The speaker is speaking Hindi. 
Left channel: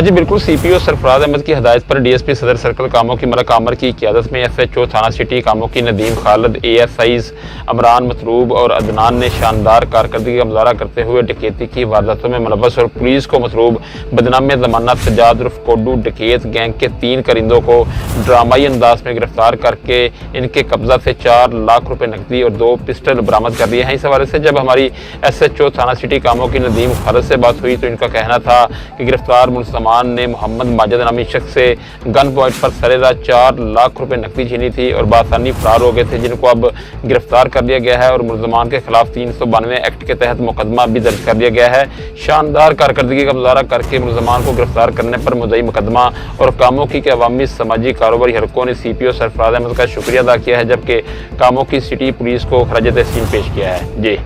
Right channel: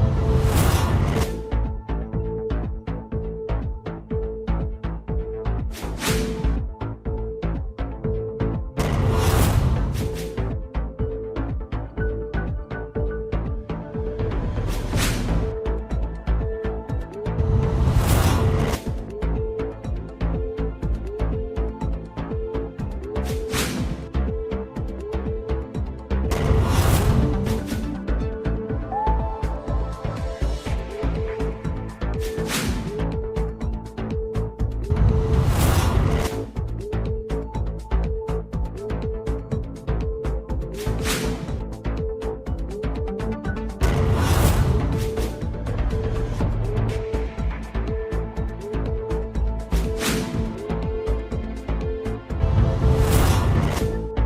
हाँ जी बिल्कुल, सीपीओ सरफराज अहमद की हदायत पर डीएसपी सदर सर्कल कामों की मलक आमर की क़यादत में एसएचओ थाना सिटी कामों की नदीम खालिद, एएसआईज अमरान मतलूब और अदनान ने शानदार कारकर्दगी का मुजाहरा करते हुए डकैती की वारदातों में मुलव्वस और पुलिस को मतलूब बदनाम ज़मानत सज्जाद उर्फ कोडू डकैत गैंग के 3 करिंदों को ड्रामाई अंदाज में गिरफ्तार करके इनके कब्जा से 4 लाख रुपए नकदी और 2 पिस्टल बरामद कर दिए हैं। इस हवाले से जब हमारी एसएचओ थाना सिटी कामों की नदीम खालिद से बात हुई तो इनका कहना था कि गिरफ्तार मुल्ज़मान ने मोहम्मद माजिद नामी शख्स से गन पॉइंट पर सरेराह 4 लाख रुपए नकदी छीनी थी और बासानी फरार हो गए थे, जिनको अब गिरफ्तार कर लिया गया है और मुल्ज़मान के खिलाफ 392 एक्ट के तहत मुकदमा भी दर्ज कर लिया गया है। शानदार कारकर्दगी का मुजाहरा करके मुल्ज़मान को गिरफ्तार करने पर मुद्दई मुकदमा और कामों की के अवामी समाजी कारोबारी हरकों ने सीपीओ सरफराज अहमद का शुक्रिया अदा किया है, जबकि कामों की सिटी पुलिस को खराज तहसीन पेश किया है। जी।